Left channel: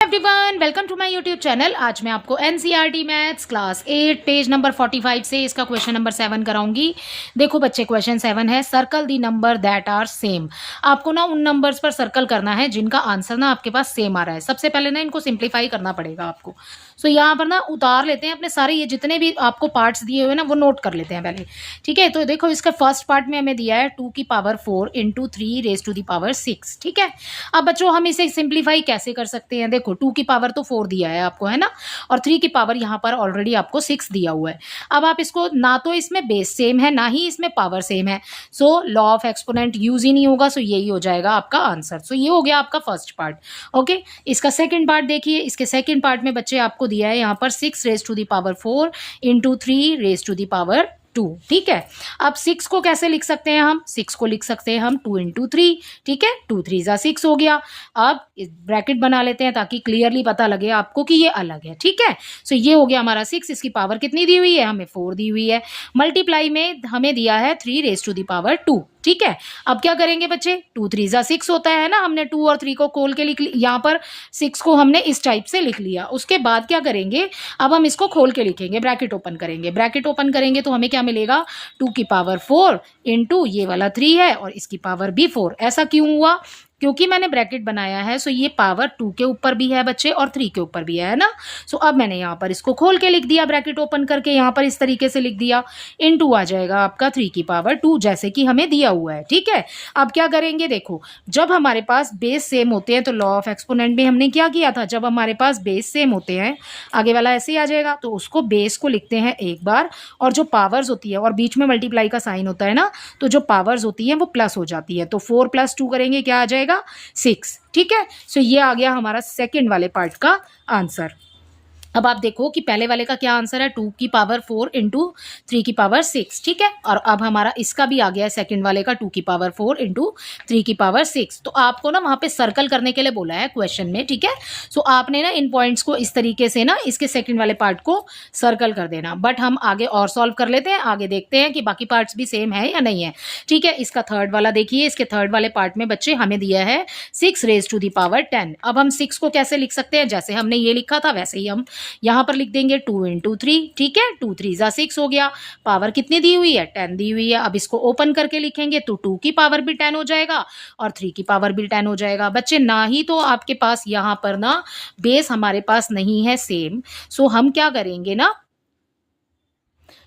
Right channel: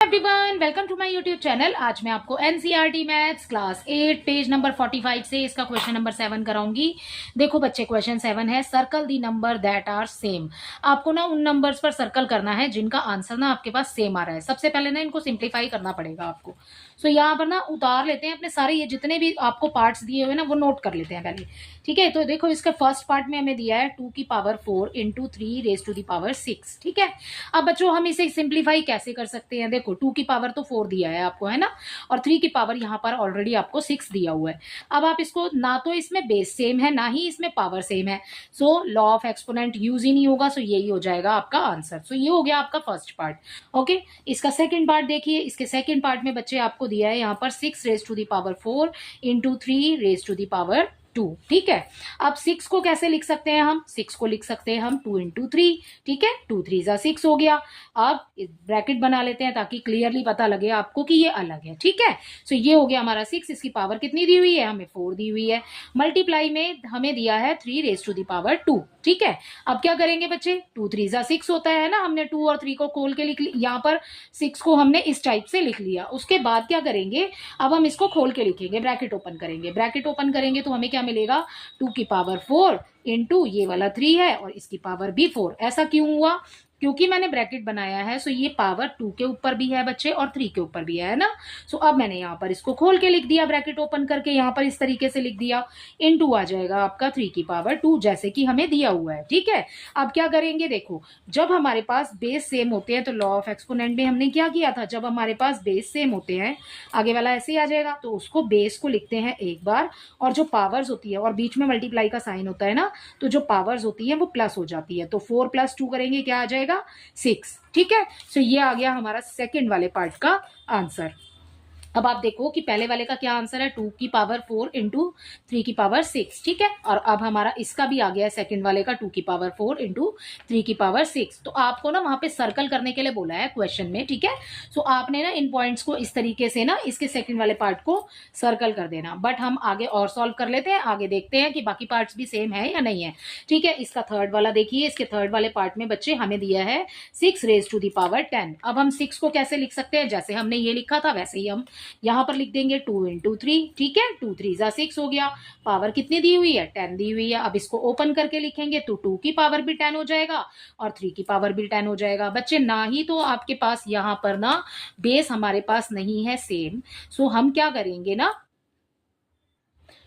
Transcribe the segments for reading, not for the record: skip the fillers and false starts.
Everyone, welcome to my YouTube channel. आज मैं आपको NCERT maths class 8 page number 45 से इसका क्वेश्चन नंबर 7 कराऊंगी। देखो बच्चे, क्वेश्चन 7 है circle the number that are same. आपको ना उन नंबर्स पर सर्कल करना है जिनका आंसर ना आपके पास सेम आ रहा है। सबसे पहले ना इनको सिंप्लीफाई करना पड़ेगा आपको। सो यहाँ पर ना उतार लेते हैं अपने सारे, ये जितने भी आपको पार्ट्स दिए हुए ना वो नोट कर लेते हैं पहले। ठीक है, तो देखो इसका फर्स्ट पार्ट में हमें दिया है 2 की power 4 into 3 raise to the power 6। ठीक है, अब बच्चों हम इसे सिंप्लीफाई कैसे कर सकते हैं? देखो 2 की पावर तो 4 दिया है आपको, है ना, और 3 की पावर यहाँ पर ऑलरेडी आपको 6 दिया हुआ है। अब आप इसको, ना तो इसमें बेस सेम है ना ही इसमें पावर सेम है, so law of exponent use ही नहीं होगा। सो यही हो जाएगा आपका आंसर। सो ये हो गया आपका फर्स्ट पार्ट। ओके, इसका सेकंड पार्ट देखिए। इसके सेकंड पार्ट में बच्चे आपको दिया है यहाँ पर 6 raise to the power 4 into 3 raise to the power 2। ठीक है, अब 6 को कैसे लिख सकते हैं हम? 6 को लिख सकते हैं हम 2 इंटू 3। ठीक है, 2 3 जा 6 हो गया। अब ब्रैकेट बना लेते हैं ताकि क्लियरली पता लगे आपको कि ये अलग है। ठीक है, सो ये हो गया हमारा 6। इसकी पावर कितनी दी हुई है? हमें 4 दी हुई है। मल्टीप्लाई में हमें दिया है 3 रेज टू दी पावर 2। ठीक है, अब क्या करेंगे बच्चे? 2 3 जा 6 होता है ना, हमने 2 और 3 को खोल के लिख लिया। यहाँ पर 6 को हमने इस टाइप से लिख लिया। उसके बाद क्या करेंगे? अब हम इसको खोल के लिखेंगे, ब्रैकेट ओपन करेंगे। ब्रैकेट ओपन करेंगे तो हमें क्या मिलेगा? 2 की पावर 4 इंटू ये वाला 3 है और इसकी पावर भी 4। ऐसा क्यों हुआ? क्योंकि मैंने ब्रैकेट बनाया है, सो ये पावर 2 के ऊपर भी है बच्चे और 3 के ऊपर भी है ना। सो अब मैंने यहाँ पर इसको खोल के लिख दिया, ब्रैकेट ओपन करके यहाँ पर इस तरीके से लिख दिया। इनटू आ जाएगा आपका 3 की पावर 2 जैसे कि हमें दिया हुआ है। ठीक है, अब क्या करेंगे? देखो, जब हमारे पास बेस सेम होते हैं तो लॉ ऑफ एक्सपोनेंट में हमने क्या किया था? जब हमारे पास बेस सेम होते हैं, आगे वाला ऐसे ही आ जाएगा, तो उसको बेस को लिखते हैं एक बार, और जो पावर्स होती है और बीच में मल्टीप्लाई का साइन होता है ना, तो जो पावर्स होती है वो प्लस हो जाती है। तो 4 + 2 करेंगे, क्या आ जाएगा? 6। ठीक है, सो ये आ गया हमारा सेकंड वाले पार्ट का आंसर। अब आप देखो कि पहले वाले का क्या आंसर है? 2 की पावर 4 इंटू 3 की पावर 6। ठीक है, और अब हमारा इसका भी आ गया है सेकंड वाले का 2 की पावर 4 इंटू 3 की पावर 6। तो आपको ना वहां पे सर्कल करने के लिए बोला है क्वेश्चन में। ठीक है, सो आपने ना इन पॉइंट्स को इस तरीके से ना इसके सेकंड वाले पार्ट को सर्कल कर देना। बट हम आगे और सॉल्व कर लेते हैं, आगे देखते हैं कि बाकी पार्ट्स भी सेम है या नहीं है। ठीक है, इसका थर्ड वाला देखिए। इसके थर्ड वाले पार्ट में बच्चे हमें दिया है 6 रेज टू दी पावर 10। अब हम 6 को कैसे लिख सकते हैं? जैसे हमने ये लिखा था वैसे ही हम यहां पर लिख देंगे 2 इंटू 3। ठीक है, 2 3 जा 6 हो गया। पावर कितनी दी हुई है? 10 दी हुई है। अब इसको ओपन करके लिखेंगे तो 2 की पावर भी 10 हो जाएगा और 3 की पावर भी 10 हो जाएगा। बच्चे, ना ही तो आपके पास यहां पर ना बेस हमारे पास नहीं है सेम, सो हम क्या करेंगे ना,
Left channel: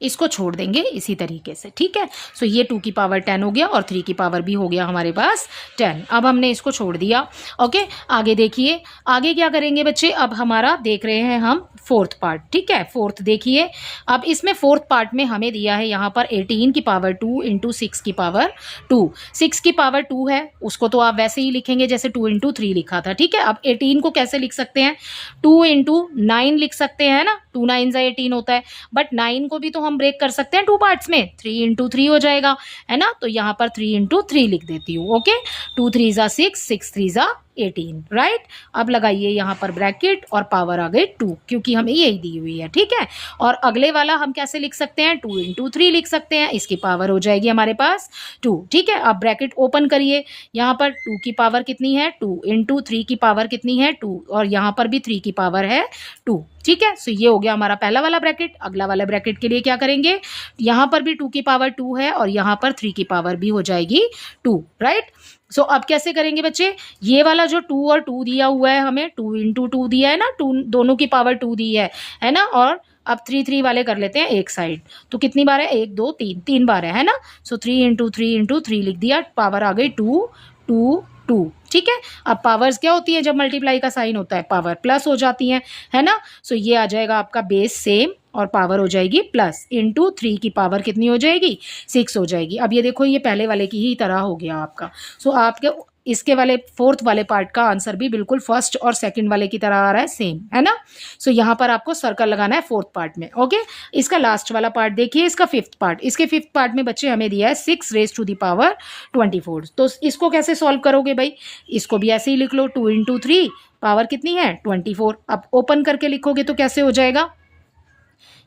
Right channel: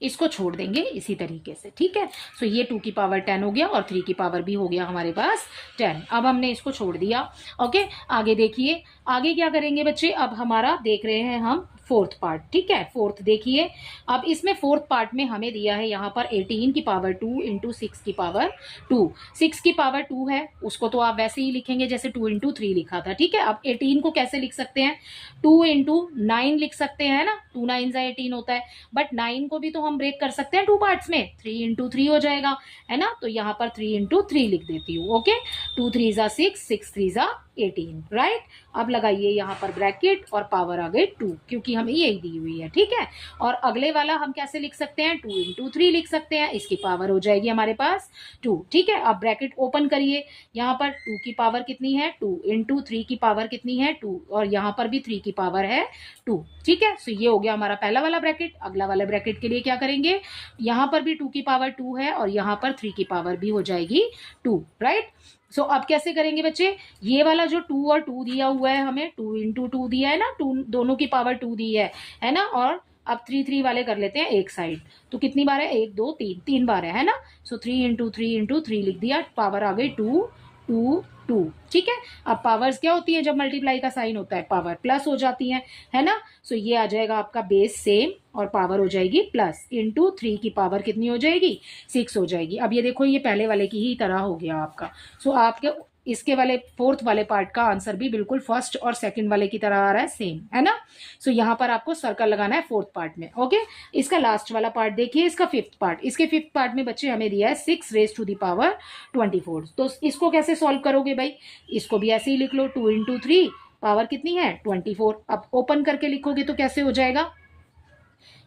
इसको छोड़ देंगे इसी तरीके से। ठीक है, सो ये 2 की पावर 10 हो गया और 3 की पावर भी हो गया हमारे पास 10। अब हमने इसको छोड़ दिया। ओके, आगे देखिए, आगे क्या करेंगे बच्चे? अब हमारा देख रहे हैं हम फोर्थ पार्ट। ठीक है, फोर्थ देखिए। अब इसमें फोर्थ पार्ट में हमें दिया है यहाँ पर 18 की पावर 2 इंटू 6 की पावर 2। 6 की पावर 2 है, उसको तो आप वैसे ही लिखेंगे जैसे 2 इंटू 3 लिखा था। ठीक है, अब 18 को कैसे लिख सकते हैं? 2 इंटू 9 लिख सकते हैं ना, 2 9 जा 18 होता है। बट 9 को भी तो हम ब्रेक कर सकते हैं 2 पार्ट्स में, 3 इंटू 3 हो जाएगा, है ना। तो यहाँ पर 3 इंटू 3 लिख देती हूँ। ओके, 2 3 जा 6, 6 3 जा 18। राइट, अब लगाइए यहाँ पर ब्रैकेट और पावर आ गई 2 क्योंकि हमें यही दी हुई है। ठीक है, और अगले वाला हम कैसे लिख सकते हैं? 2 इंटू 3 लिख सकते हैं, इसकी पावर हो जाएगी हमारे पास 2। ठीक है, अब ब्रैकेट ओपन करिए। यहाँ पर 2 की पावर कितनी है? 2 इंटू 3 की पावर कितनी है? 2, और यहाँ पर भी 3 की पावर है 2। ठीक है, सो ये हो गया हमारा पहला वाला ब्रैकेट। अगला वाला ब्रैकेट के लिए क्या करेंगे? यहाँ पर भी 2 की पावर 2 है और यहाँ पर 3 की पावर भी हो जाएगी 2। राइट, सो अब कैसे करेंगे बच्चे? ये वाला जो 2 और 2 दिया हुआ है हमें, 2 इंटू 2 दिया है ना, 2 दोनों की पावर 2 दी है ना। और अब 3 3 वाले कर लेते हैं एक साइड। तो कितनी बार है? 1 2 3, 3 बार है ना। सो 3 इंटू 3 इंटू 3 लिख दिया, पावर आ गई 2 2 2। ठीक है, अब पावर्स क्या होती है? जब मल्टीप्लाई का साइन होता है पावर प्लस हो जाती है ना। सो ये आ जाएगा आपका बेस सेम और पावर हो जाएगी प्लस, इंटू 3 की पावर कितनी हो जाएगी? 6 हो जाएगी। अब ये देखो, ये पहले वाले की ही तरह हो गया आपका। सो आपके इसके वाले फोर्थ वाले पार्ट का आंसर भी बिल्कुल फर्स्ट और सेकंड वाले की तरह आ रहा है, सेम, है ना। सो यहाँ पर आपको सर्कल लगाना है फोर्थ पार्ट में। ओके, इसका लास्ट वाला पार्ट देखिए, इसका फिफ्थ पार्ट। इसके फिफ्थ पार्ट में बच्चे हमें दिया है 6 रेज टू द पावर 24। तो इसको कैसे सॉल्व करोगे भाई? इसको भी ऐसे ही लिख लो, 2 इंटू 3, पावर कितनी है? 24। अब ओपन करके लिखोगे तो कैसे हो जाएगा?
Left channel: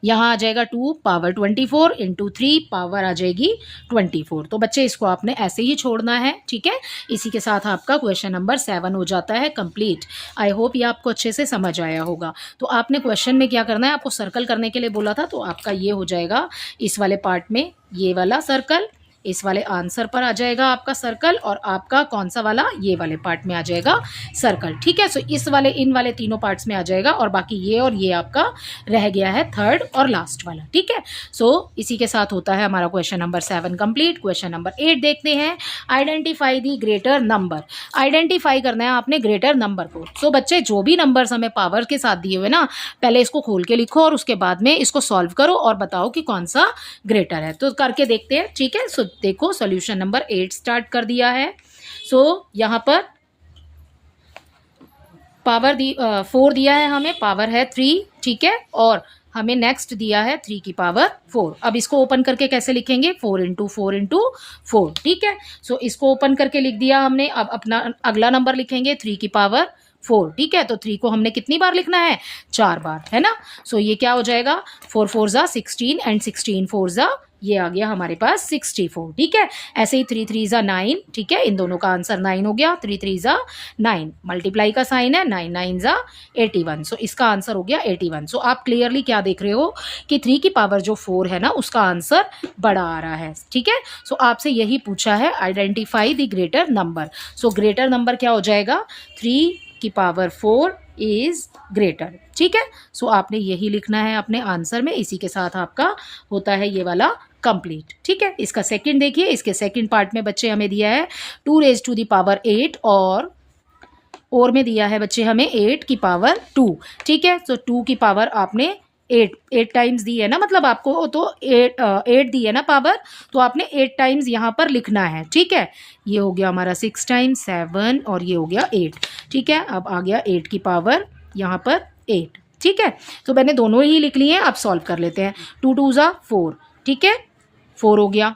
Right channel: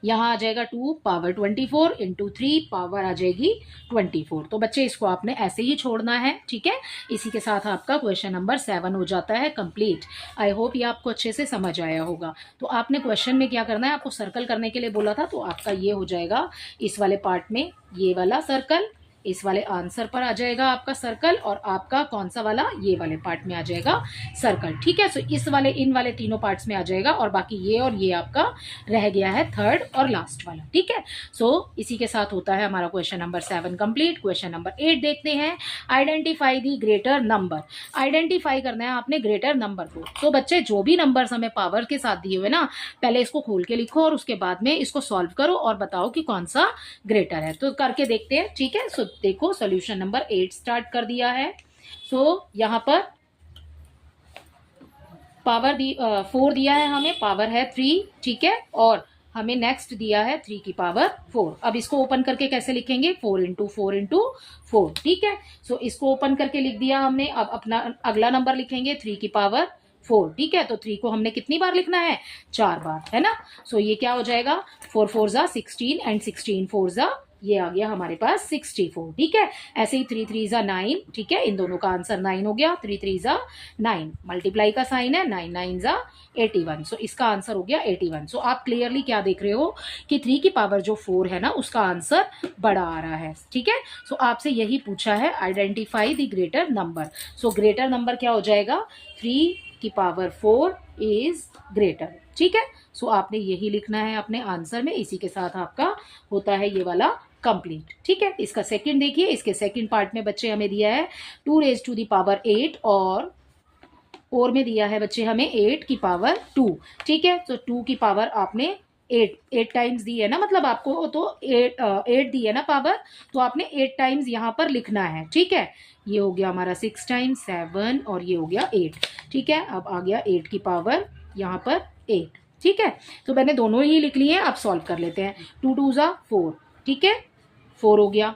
यहाँ आ जाएगा 2 पावर 24 इंटू 3 पावर आ जाएगी 24। तो बच्चे इसको आपने ऐसे ही छोड़ना है, ठीक है। इसी के साथ आपका क्वेश्चन नंबर 7 हो जाता है कंप्लीट। आई होप ये आपको अच्छे से समझ आया होगा। तो आपने क्वेश्चन में क्या करना है, आपको सर्कल करने के लिए बोला था, तो आपका ये हो जाएगा इस वाले पार्ट में ये वाला सर्कल, इस वाले आंसर पर आ जाएगा आपका सर्कल, और आपका कौन सा वाला, ये वाले पार्ट में आ जाएगा सर्कल, ठीक है। सो इस वाले इन वाले तीनों पार्ट्स में आ जाएगा, और बाकी ये और ये आपका रह गया है थर्ड और लास्ट वाला, ठीक है। सो इसी के साथ होता है हमारा question number 7 complete. Question number 8 देखते हैं। Identify the greater number. Identify करना है आपने ग्रेटर नंबर को। सो बच्चे जो भी नंबर्स हमें पावर के साथ दिए हुए ना, पहले इसको खोल के लिखो और उसके बाद में इसको सॉल्व करो और बताओ कि कौन सा ग्रेटर है। तो करके देखते हैं, ठीक है। सो देखो सॉल्यूशन नंबर 8 स्टार्ट कर दिया है। सो यहां पर पावर 4 दिया है हमें, पावर है 3, ठीक है। और हमें नेक्स्ट दिया है 3 की पावर 4। अब इसको ओपन करके कैसे लिखेंगे, 4 इंटू 4 इंटू 4, ठीक है। सो इसको ओपन करके लिख दिया हमने। अब अपना अगला नंबर लिखेंगे 3 की पावर 4, ठीक है। तो 3 को हमने कितनी बार लिखना है, 4 बार, है ना। सो ये क्या हो जाएगा, 4 4 जा 16 एंड 16 4 जा, ये आ गया हमारे पास 64, ठीक है। ऐसे ही 3 3 जा 9, ठीक है। इन दोनों का आंसर 9 हो गया। 3 3 जा 9, मल्टीप्लाई का साइन है, 9 9 जा 81। सो इसका आंसर हो गया 81। सो आप क्लियरली क्या देख रहे हो कि 3 की पावर जो 4 है ना, उसका आंसर बड़ा आ रहा है, ठीक है। सो आपसे यही पूछा है, identify the greater number. So greater number क्या हो जाएगा, 3 की पावर 4 इज ग्रेटर, ठीक है। सो आपने यही लिखना है अपने आंसर में। इसी के साथ आपका होता है ये वाला कंप्लीट, ठीक है। इसका सेकंड देखिए, इसके सेकंड पार्ट में बच्चे हमें दिया है 2 रेज टू द पावर 8, और में दिया है बच्चे हमें 8 की पावर 2, ठीक है। तो 2 की पावर आपने 8 टाइम्स दी है ना, मतलब आपको तो 8 दी है ना पावर, तो आपने 8 टाइम्स यहाँ पर लिखना है, ठीक है। ये हो गया हमारा 6 टाइम्स 7, और ये हो गया 8, ठीक है। अब आ गया 8 की पावर यहाँ पर 8, ठीक है। तो मैंने दोनों ही लिख लिए हैं। अब सॉल्व कर लेते हैं। 2 2 जा 4, ठीक है, 4 हो गया।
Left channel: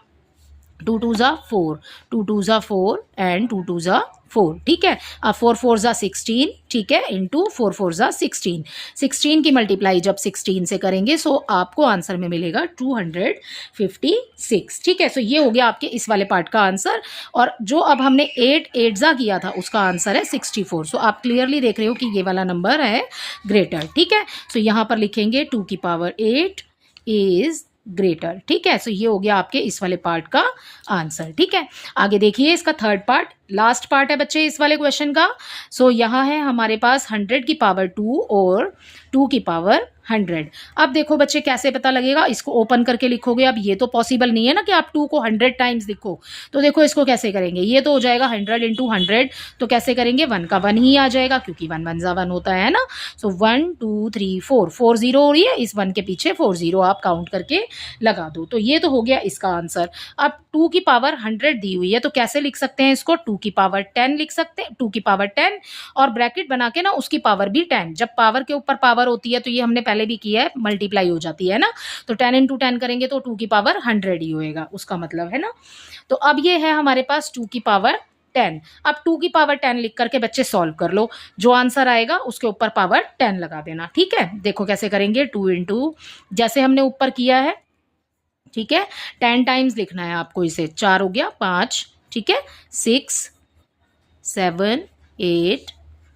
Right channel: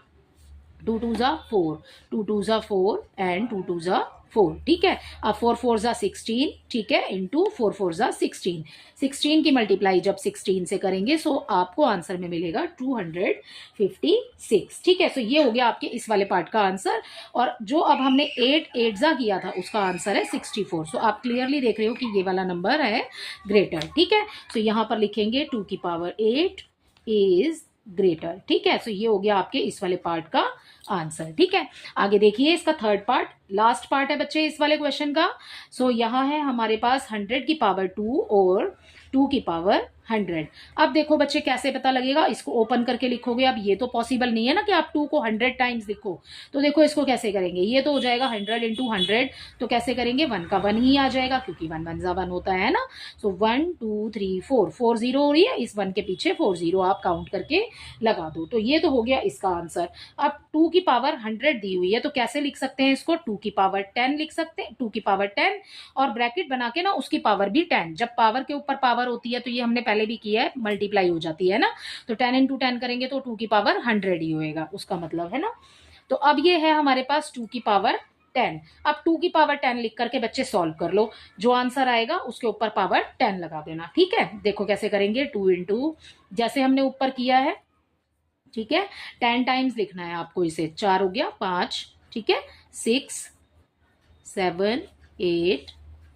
2 2 जा 4, 2 2 जा 4 एंड 2 2 जा 4, ठीक है। अब 4 4 जा 16, ठीक है, इंटू 4 4 जा 16। 16 की मल्टीप्लाई जब 16 से करेंगे, सो आपको आंसर में मिलेगा 256, ठीक है। सो ये हो गया आपके इस वाले पार्ट का आंसर। और जो अब हमने 8 8 जा किया था, उसका आंसर है 64। सो आप क्लियरली देख रहे हो कि ये वाला नंबर है ग्रेटर, ठीक है। सो यहाँ पर लिखेंगे 2 की पावर 8 इज ग्रेटर, ठीक है। सो ये हो गया आपके इस वाले पार्ट का आंसर, ठीक है। आगे देखिए इसका थर्ड पार्ट, लास्ट पार्ट है बच्चे इस वाले क्वेश्चन का। सो यहाँ है हमारे पास 100 की पावर 2 और 2 की पावर 100। अब देखो बच्चे कैसे पता लगेगा, इसको ओपन करके लिखोगे। अब ये तो पॉसिबल नहीं है ना कि आप 2 को 100 टाइम्स लिखो। तो देखो इसको कैसे करेंगे, ये तो हो जाएगा 100 इंटू 100। तो कैसे करेंगे, 1 का 1 ही आ जाएगा, क्योंकि 1 1 जा 1 होता है ना। सो 1 2 3 4 4 0 हो रही है, इस 1 के पीछे 4 0 आप काउंट करके लगा दो। तो ये तो हो गया इसका आंसर। अब 2 की पावर 100 दी हुई है, तो कैसे लिख सकते हैं इसको, 2 की पावर 10 लिख सकते हैं, 2 की पावर 10, और ब्रैकेट बना के ना उसकी पावर भी 10। जब पावर के ऊपर पावर होती है, तो ये हमने पहले भी किया है, मल्टीप्लाई हो जाती है ना। तो 10 इंटू 10 करेंगे तो 2 की पावर 100 ही होएगा, उसका मतलब है ना। तो अब ये है हमारे पास 2 की पावर 10। अब 2 की पावर 10 लिख करके बच्चे सॉल्व कर लो, जो आंसर आएगा उसके ऊपर पावर 10 लगा देना, ठीक है। देखो कैसे करेंगे, 2 इंटू जैसे हमने ऊपर किया है, ठीक है, 10 टाइम्स लिखना है आपको इसे। 4 हो गया 5, ठीक है, 6 7 8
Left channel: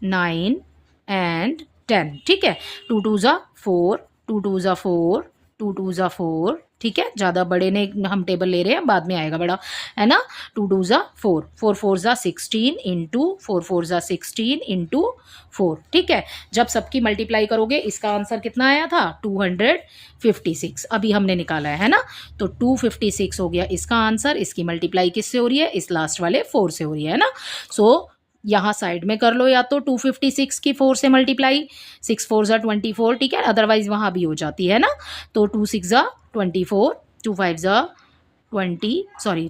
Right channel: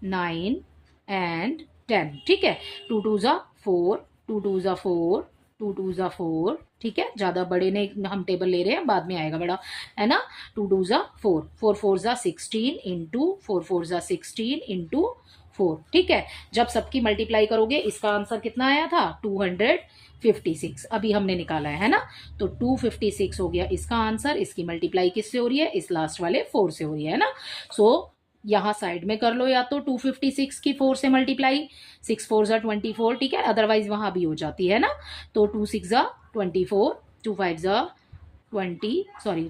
9 एंड 10, ठीक है। 2 2 जा 4, 2 2 जा 4, 2 2 जा 4, ठीक है। ज़्यादा बड़े ने हम टेबल ले रहे हैं, बाद में आएगा बड़ा, है ना। 2 2 जा 4, 4 4 जा 16 इंटू 4 4 जा 16 इंटू 4, ठीक है। जब सबकी मल्टीप्लाई करोगे, इसका आंसर कितना आया था, 256 अभी हमने निकाला है ना। तो 256 हो गया इसका आंसर। इसकी मल्टीप्लाई किससे हो रही है, इस लास्ट वाले 4 से हो रही है ना। सो यहाँ साइड में कर लो, या तो 256 की 4 से मल्टीप्लाई, 6 4 जा 24, ठीक है, अदरवाइज वहाँ भी हो जाती है ना। तो 2 6 जा 24, 2 5 जा 20, सॉरी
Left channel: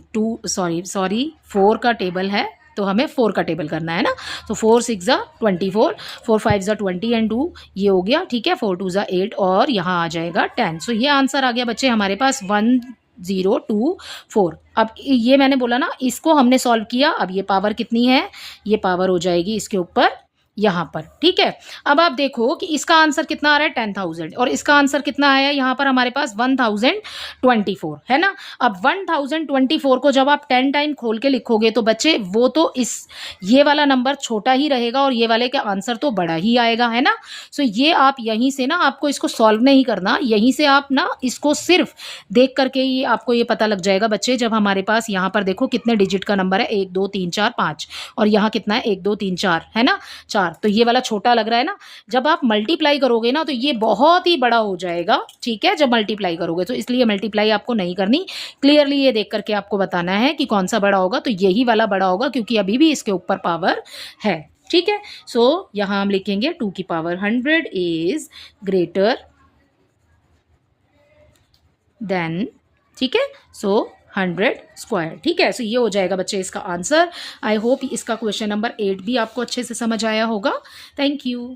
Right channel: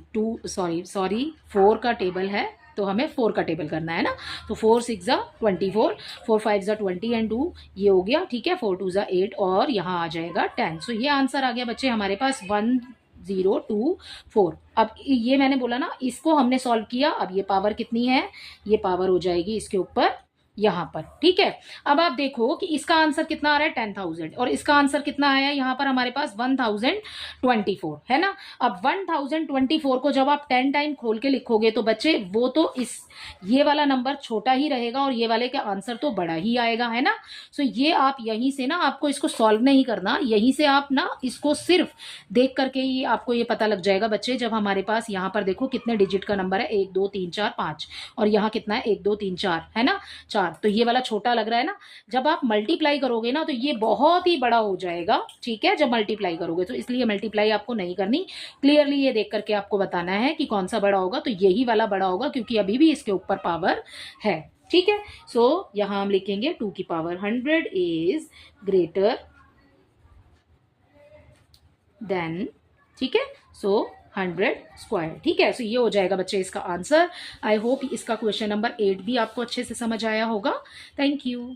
4 का टेबल है, तो हमें 4 का टेबल करना है ना। तो 4 6 जा 24, 4 5 जा 20 एंड 2 ये हो गया, ठीक है। 4 2 जा 8 और यहाँ आ जाएगा 10। सो ये आंसर आ गया बच्चे हमारे पास 1024। अब ये मैंने बोला ना, इसको हमने सॉल्व किया। अब ये पावर कितनी है, ये पावर हो जाएगी इसके ऊपर यहाँ पर, ठीक है। अब आप देखो कि इसका आंसर कितना आ रहा है 10,000 और इसका आंसर कितना आया है यहाँ पर हमारे पास 1024 है ना। अब 1024 को जब आप 10 टाइम खोल के लिखोगे तो बच्चे वो तो ये वाला नंबर छोटा ही रहेगा और ये वाले का आंसर तो बड़ा ही आएगा, है ना। सो ये आप यहीं से ना, आपको इसको सॉल्व नहीं करना, यहीं से आप ना इसको सिर्फ देख करके ही आपको ये पता लग जाएगा बच्चे। जब हमारे पास यहाँ पर देखो कितने डिजिट का नंबर है, 1 2 3 4 5 और यहाँ कितना है 1 2 3 4 है ना, 4। तो ये वाला छोटा लग रहा है ना। जब आप मल्टीप्लाई करोगे ना तो ये बहुत ही बड़ा हो जाएगा, ठीक है, जब मल्टीप्लाई करोगे। तो इसलिए मल्टीप्लाई आपको नहीं करनी, क्लियरली ये देख करके आपको बताना है कि कौन सा बड़ा होगा। तो यही वाला बड़ा होगा क्योंकि अभी भी इसके ऊपर पावर है, ठीक है। सो यहां हम लिखेंगे 2 की पावर 100 इज ग्रेटर देन, ठीक है। सो 100 स्क्वायर, ठीक है। सो ये हो जाएगा बच्चे इसका आंसर। आई होप इसका क्वेश्चन नंबर 8 भी आपको अच्छे से समझ आया होगा। Thank you.